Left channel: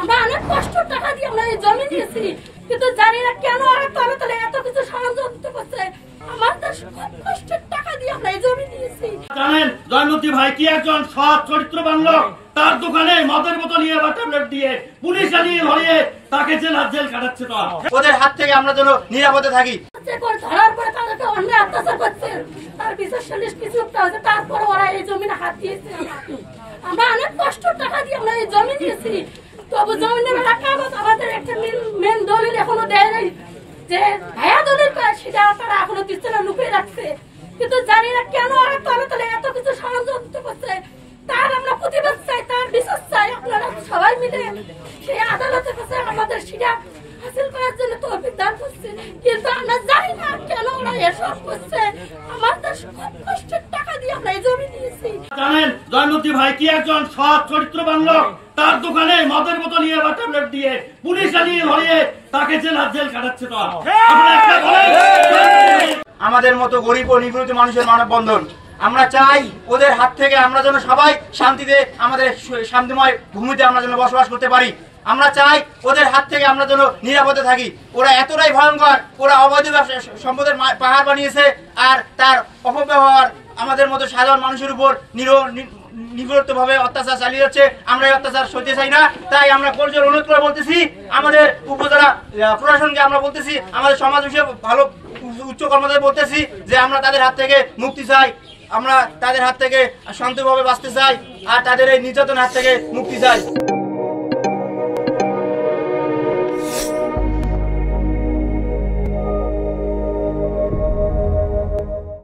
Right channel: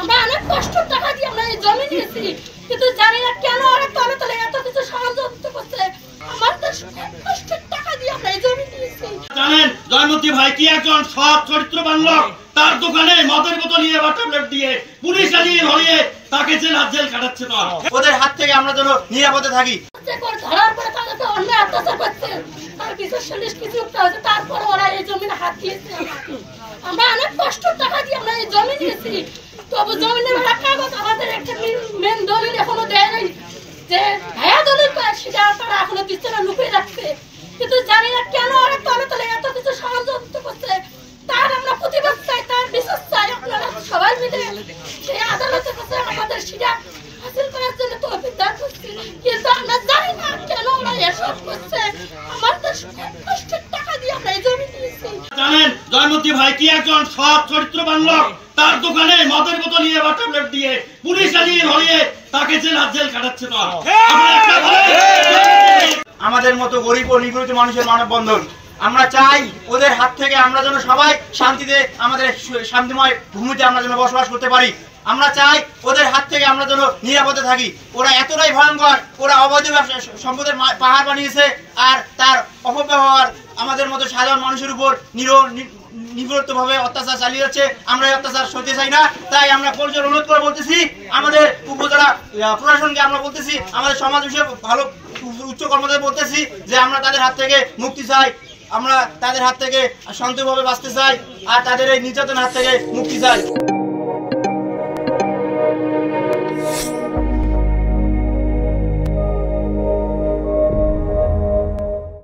আমরা অনেক কষ্টের টাকা দিয়ে আমরা এই জমি নিয়েছি, কিন্তু জানি না কেন ওরা তলে তলে এত কিছু ষড়যন্ত্র করছে। আমাদের কষ্টের টাকা দিয়ে আমরা এই জমি নিয়েছি। জানেন জয়মতী ভাই কি একজন সৎ চরিত্রবান লোক, তার দোকানে মদের বোতল নিয়ে বা ট্যাবলেট দিয়ে পুলিশ আনিয়ে ধরিয়ে তাকে জেল কাটাচ্ছে। না ওদের হাত থেকে আমরা যেন নিরাপদে থাকি। ধরার পরে তাদেরকে অন্যায় অত্যাচার করছে, তার বিচার সালিশ কিছু হয়েছে, তারপরে ওরা এই জমিনে হাত দিয়েছে। আমরা অনেক কষ্টের টাকা দিয়ে আমরা এই জমি নিয়েছি, তবু জমিনের কাগজ আমাদের একটা মেন দলিল এখনো দেয় নাই, যে ভাইয়া দলিল পায় সেটা তারা এখনো পিছনে লুকিয়ে রাখছে। কিন্তু জানি না কেন ওরা তলে তলে এত কিছু ষড়যন্ত্র করছে। তার আমরা প্রতিবাদ চাই, তার বিচার চাই। আপনারা সবাই মিলে সেই আদালতের কাছে আমাদের সেটা হাসিল করার জন্য তৌফিক দান করছে, কিন্তু আমরা জানি না কেন ওরা এসব করছে। আমাদের কষ্টের টাকা দিয়ে আমরা এই জমি নিয়েছি। জানেন জয়মতী ভাই কি একজন সৎ চরিত্রবান লোক, তার দোকানে মদের বোতল নিয়ে বা ট্যাবলেট দিয়ে পুলিশ আনিয়ে ধরিয়ে তাকে জেল কাটাচ্ছে। না আমাদের মতো গরিব ও নিগৃহীত মানুষের মানববন্ধন। আমরা চাই ওদের হাত থেকে আমরা যেন সবাই শান্তিতে আমাদের শান্তিময় ভূমিতে আমরা যেন বসবাস করতে পারি। আমরা চাই ওদের হাত থেকে আমরা যেন নিরাপদে থাকি। ওরা এতটাই ভয়ঙ্কর, ওরা অবৈধ ব্যবসা সম্পদের পাহাড় বানিয়েছে, আর তার অপব্যবহার আমাদের মতো সাধারণ মানুষের উপর নির্ভরভাবে অত্যাচার চালিয়ে যাচ্ছে। আমরা এই অত্যাচার সইতে চাই না। তাই আমরা পরিচয় অনুরোধ করে বলতেছি, আমাদের উপজেলা প্রশাসনকে আমরা বলতেছি, আমাদের সমাজ বিষয়ে ভালো উচ্চ কর্মকর্তাদের বলতেছি যে আমরা তাদের হাত থেকে মুক্তি চাই, আমরা তাদের হাত থেকে শান্তভাবে বাঁচতে চাই, আর তাদের এই নির্যাতনের হাত থেকে মুক্তি চাই।